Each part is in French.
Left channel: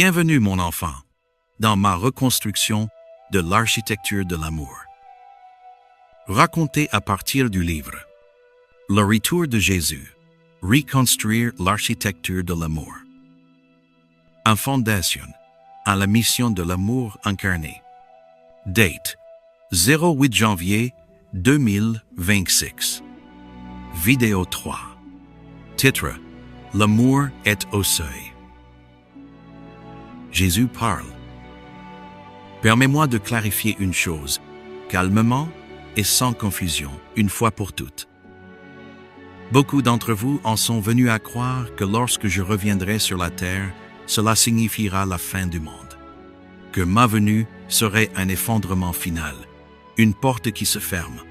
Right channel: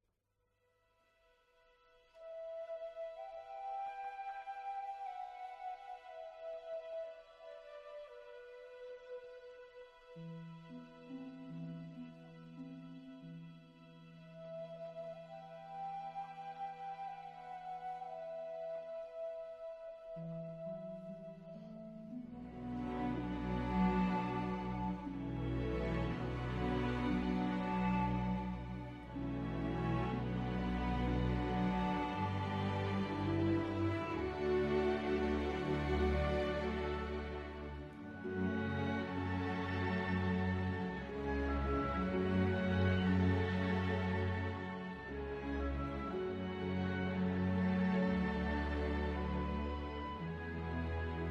Bienvenue, mon enfant, dans ma reconstruction de l'architecture de l'amour. Raconté à partir du livre Le retour de Jésus, reconstruire l'architecture de l'amour. En fondation à la mission de l'amour incarné. Date 08 janvier 2026. Vidéo 3. Titre: L'amour est au seuil. Jésus parle. Permets-moi de clarifier une chose, calmement et sans confusion, une fois pour toutes. Beaucoup d'entre vous en sont venus à croire que lorsque je reviendrai sur la terre, cela signifiera la fin du monde, que ma venue serait un effondrement final, une porte qui se ferme,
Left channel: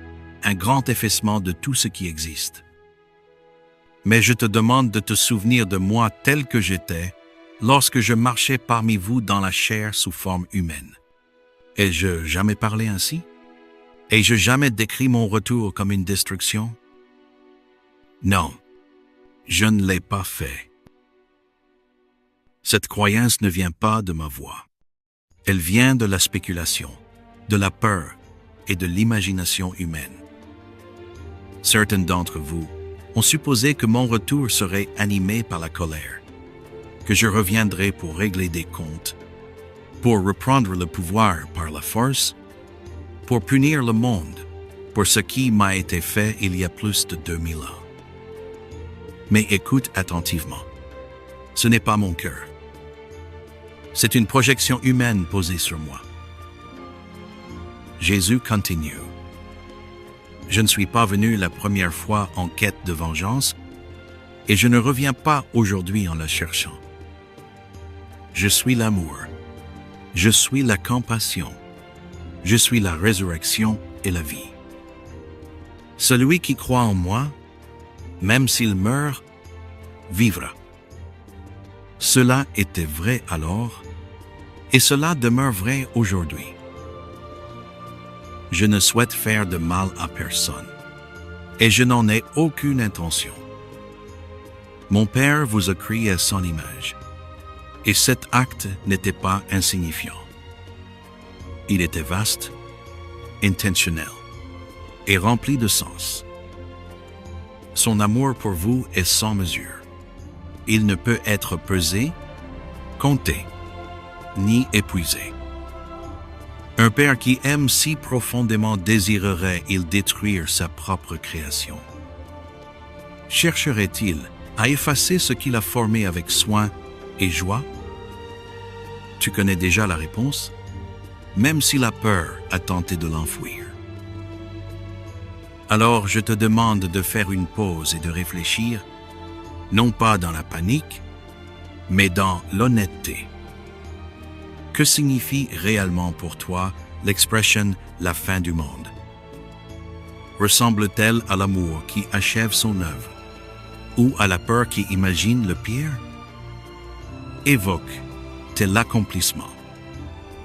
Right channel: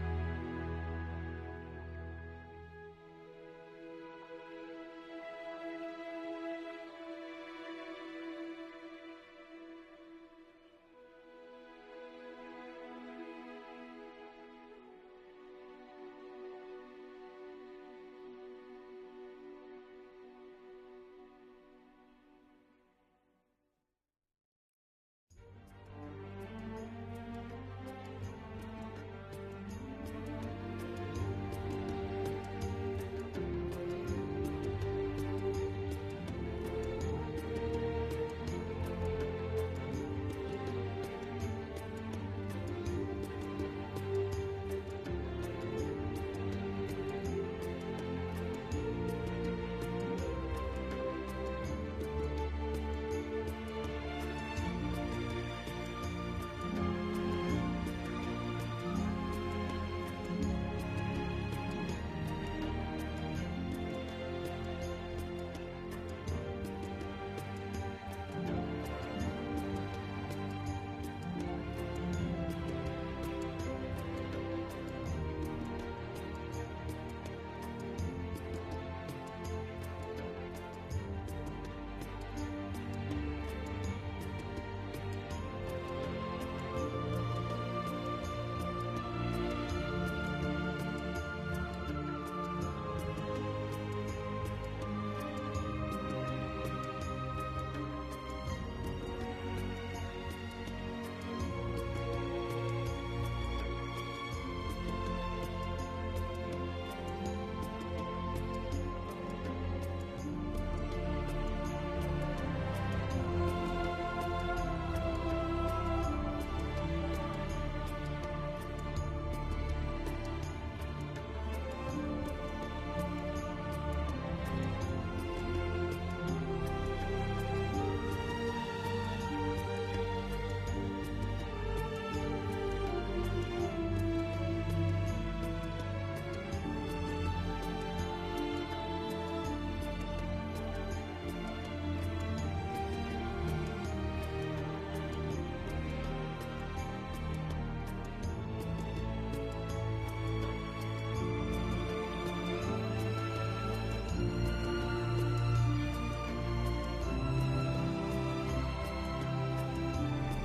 un grand effacement de tout ce qui existe. Mais je te demande de te souvenir de moi tel que j'étais lorsque je marchais parmi vous dans la chair sous forme humaine. Ai-je jamais parlé ainsi? Ai-je jamais décrit mon retour comme une destruction? Non, je ne l'ai pas fait. Cette croyance ne vient pas de ma voix. Elle vient de la spéculation, de la peur et de l'imagination humaine. Certains d'entre vous ont supposé que mon retour serait animé par la colère, que je reviendrai pour régler des comptes, pour reprendre le pouvoir par la force, pour punir le monde pour ce qui m'a été fait il y a plus de 2000 ans. Mais écoute attentivement, ce n'est pas mon cœur. C'est une projection humaine posée sur moi. Jésus continue. Je ne suis pas venu la première fois en quête de vengeance et je ne reviens pas aujourd'hui en la cherchant. Je suis l'amour. Je suis la compassion. Je suis la résurrection et la vie. Celui qui croit en moi, même s'il meurt, vivra. Cela était vrai alors, et cela demeure vrai aujourd'hui. Je ne souhaite faire de mal à personne, et je n'en ai aucune intention. Mon Père vous a créé à son image, et cet acte n'était pas insignifiant. Il était vaste, intentionnel, et rempli de sens. Son amour pour vous est sans mesure. Il ne peut être pesé, compté, ni épuisé. Un père qui aime si profondément désirerait-il détruire sa propre création? Chercherait-il à effacer ce qu'il a formé avec soin et joie? Tu connais déjà la réponse, même si la peur a tenté de l'enfouir. Alors je te demande de faire une pause et de réfléchir, non pas dans la panique, mais dans l'honnêteté. Que signifie réellement pour toi l'expression « la fin du monde » ? Ressemble-t-elle à l'amour qui achève son œuvre ou à la peur qui imagine le pire? Évoque-t-elle l'accomplissement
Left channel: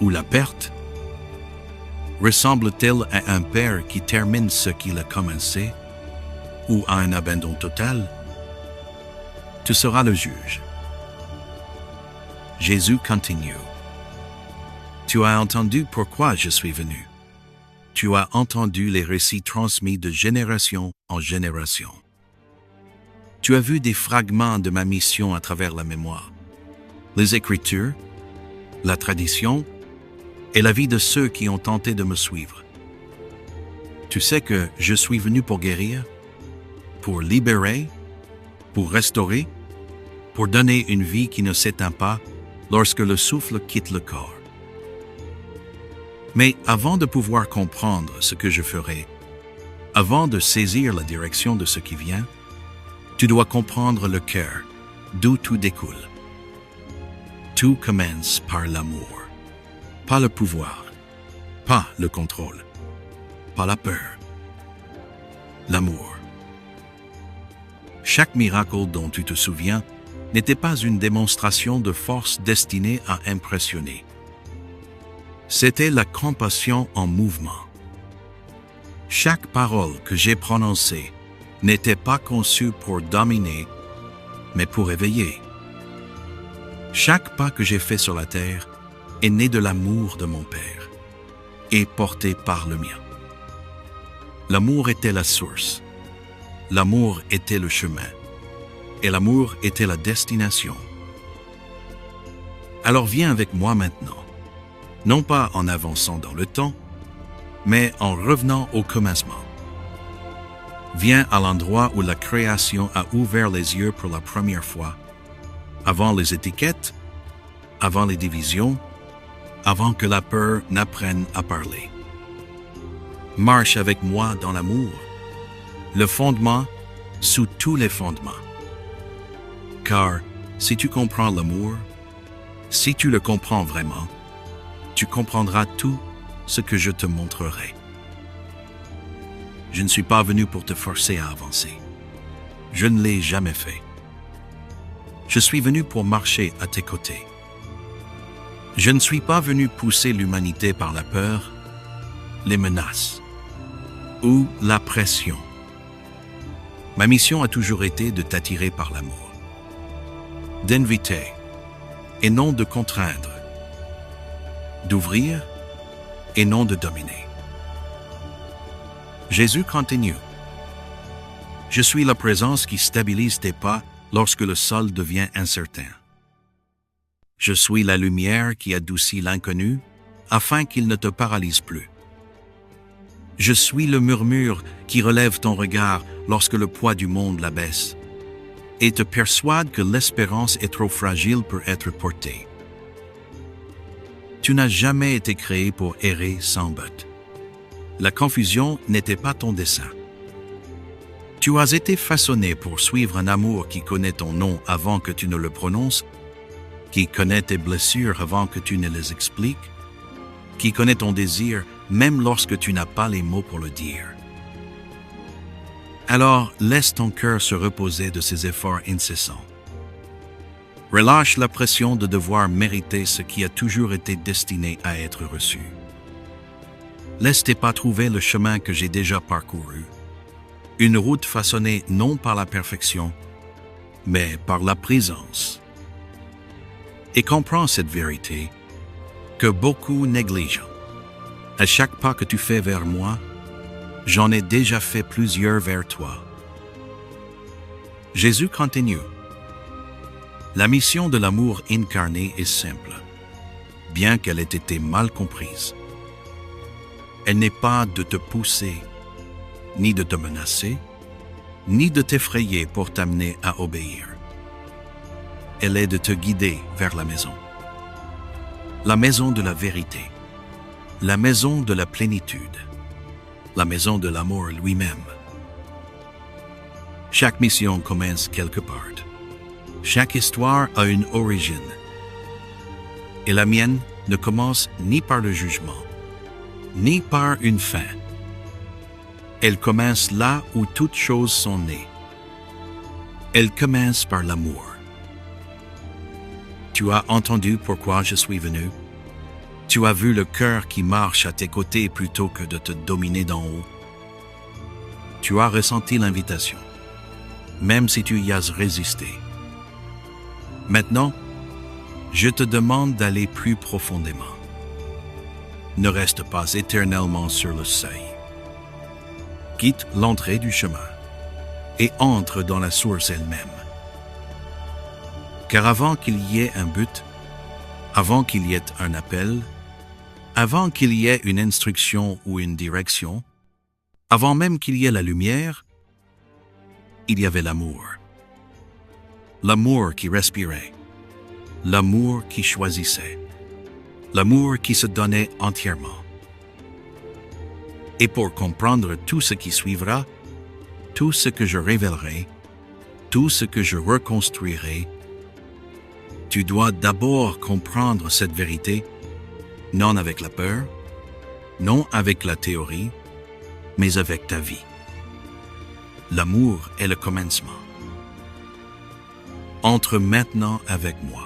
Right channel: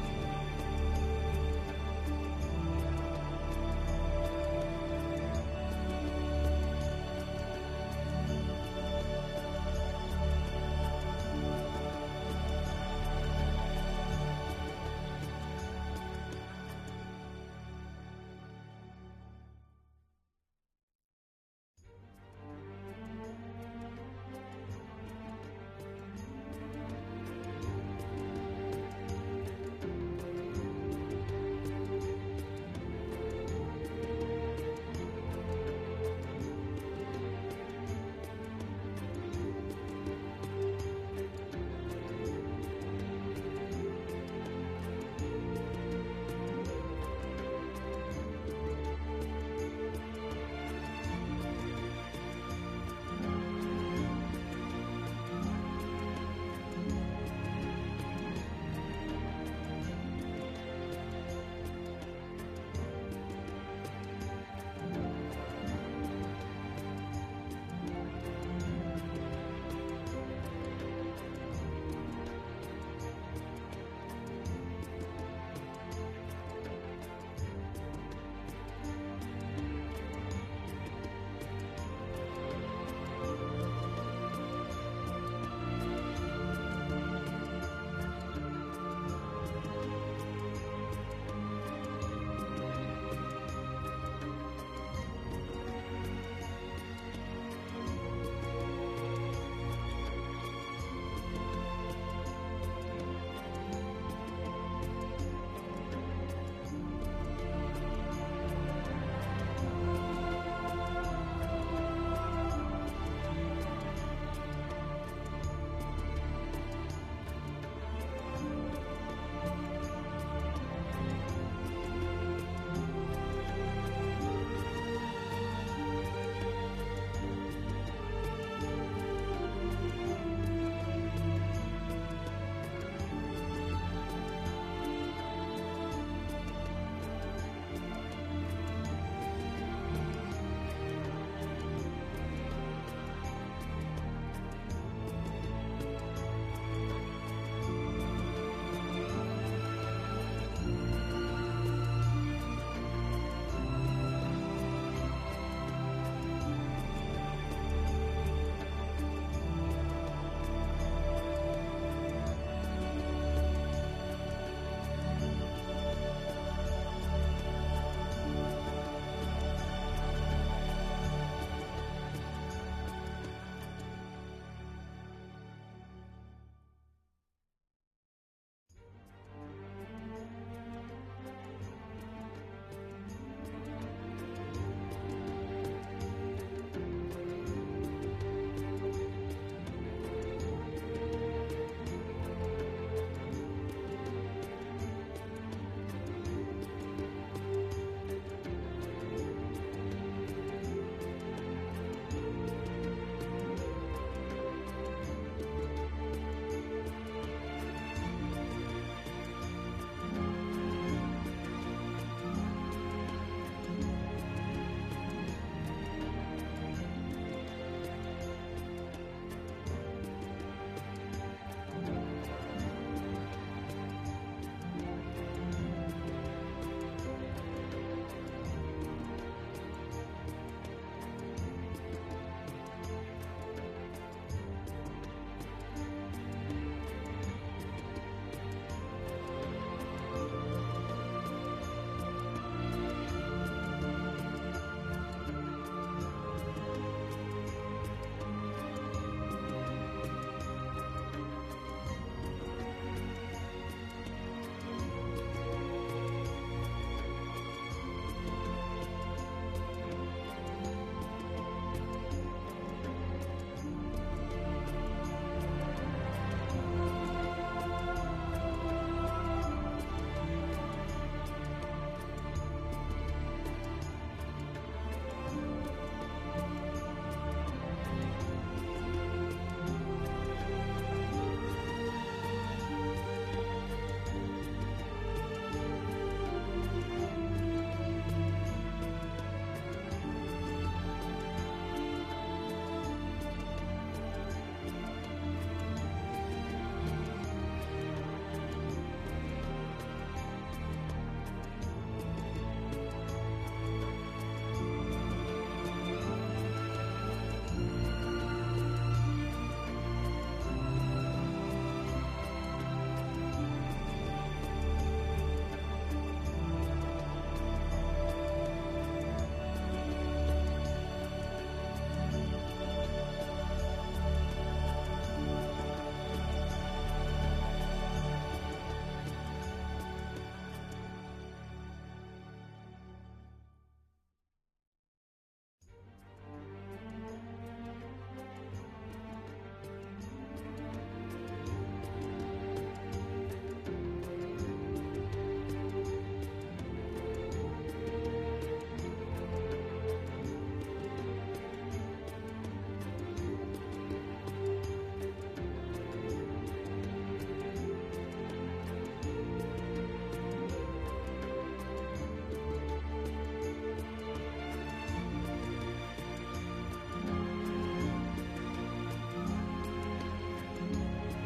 ou la perte? Ressemble-t-elle à un père qui termine ce qu'il a commencé ou à un abandon total? Tu seras le juge. Jésus continue. Tu as entendu pourquoi je suis venu. Tu as entendu les récits transmis de génération en génération. Tu as vu des fragments de ma mission à travers la mémoire, les Écritures, la tradition et la vie de ceux qui ont tenté de me suivre. Tu sais que je suis venu pour guérir, pour libérer, pour restaurer, pour donner une vie qui ne s'éteint pas lorsque le souffle quitte le corps. Mais avant de pouvoir comprendre ce que je ferai, avant de saisir la direction de ce qui vient, tu dois comprendre le cœur, d'où tout découle. Tout commence par l'amour, pas le pouvoir, pas le contrôle, pas la peur, l'amour. Chaque miracle dont tu te souviens n'était pas une démonstration de force destinée à impressionner. C'était la compassion en mouvement. Chaque parole que j'ai prononcée n'était pas conçue pour dominer, mais pour éveiller. Chaque pas que j'ai fait sur la terre est né de l'amour de mon Père et porté par le mien. L'amour était la source, l'amour était le chemin, et l'amour était la destination. Alors viens avec moi maintenant, non pas en avançant dans le temps, mais en revenant au commencement. Viens à l'endroit où la création a ouvert les yeux pour la première fois, avant les étiquettes, avant les divisions, avant que la peur n'apprenne à parler. Marche avec moi dans l'amour, le fondement sous tous les fondements. Car si tu comprends l'amour, si tu le comprends vraiment, tu comprendras tout ce que je te montrerai. Je ne suis pas venu pour te forcer à avancer. Je ne l'ai jamais fait. Je suis venu pour marcher à tes côtés. Je ne suis pas venu pousser l'humanité par la peur, les menaces ou la pression. Ma mission a toujours été de t'attirer par l'amour, d'inviter et non de contraindre, d'ouvrir et non de dominer. Jésus continue. Je suis la présence qui stabilise tes pas lorsque le sol devient incertain. Je suis la lumière qui adoucit l'inconnu afin qu'il ne te paralyse plus. Je suis le murmure qui relève ton regard lorsque le poids du monde l'abaisse et te persuade que l'espérance est trop fragile pour être portée. Tu n'as jamais été créé pour errer sans but. La confusion n'était pas ton dessein. Tu as été façonné pour suivre un amour qui connaît ton nom avant que tu ne le prononces, qui connaît tes blessures avant que tu ne les expliques, qui connaît ton désir même lorsque tu n'as pas les mots pour le dire. Alors, laisse ton cœur se reposer de ses efforts incessants. Relâche la pression de devoir mériter ce qui a toujours été destiné à être reçu. Laisse tes pas trouver le chemin que j'ai déjà parcouru. Une route façonnée non par la perfection, mais par la présence. Et comprends cette vérité que beaucoup négligent. À chaque pas que tu fais vers moi, j'en ai déjà fait plusieurs vers toi. Jésus continue. La mission de l'amour incarné est simple, bien qu'elle ait été mal comprise. Elle n'est pas de te pousser, ni de te menacer, ni de t'effrayer pour t'amener à obéir. Elle est de te guider vers la maison de la vérité, la maison de la plénitude, la maison de l'amour lui-même. Chaque mission commence quelque part. Chaque histoire a une origine. Et la mienne ne commence ni par le jugement, ni par une fin. Elle commence là où toutes choses sont nées. Elle commence par l'amour. Tu as entendu pourquoi je suis venu. Tu as vu le cœur qui marche à tes côtés plutôt que de te dominer d'en haut. Tu as ressenti l'invitation, même si tu y as résisté. Maintenant, je te demande d'aller plus profondément. Ne reste pas éternellement sur le seuil. Quitte l'entrée du chemin et entre dans la source elle-même. Car avant qu'il y ait un but, avant qu'il y ait un appel, avant qu'il y ait une instruction ou une direction, avant même qu'il y ait la lumière, il y avait l'amour. L'amour qui respirait, l'amour qui choisissait, l'amour qui se donnait entièrement. Et pour comprendre tout ce qui suivra, tout ce que je révélerai, tout ce que je reconstruirai, tu dois d'abord comprendre cette vérité, non avec la peur, non avec la théorie, mais avec ta vie. L'amour est le commencement. Entre maintenant avec moi.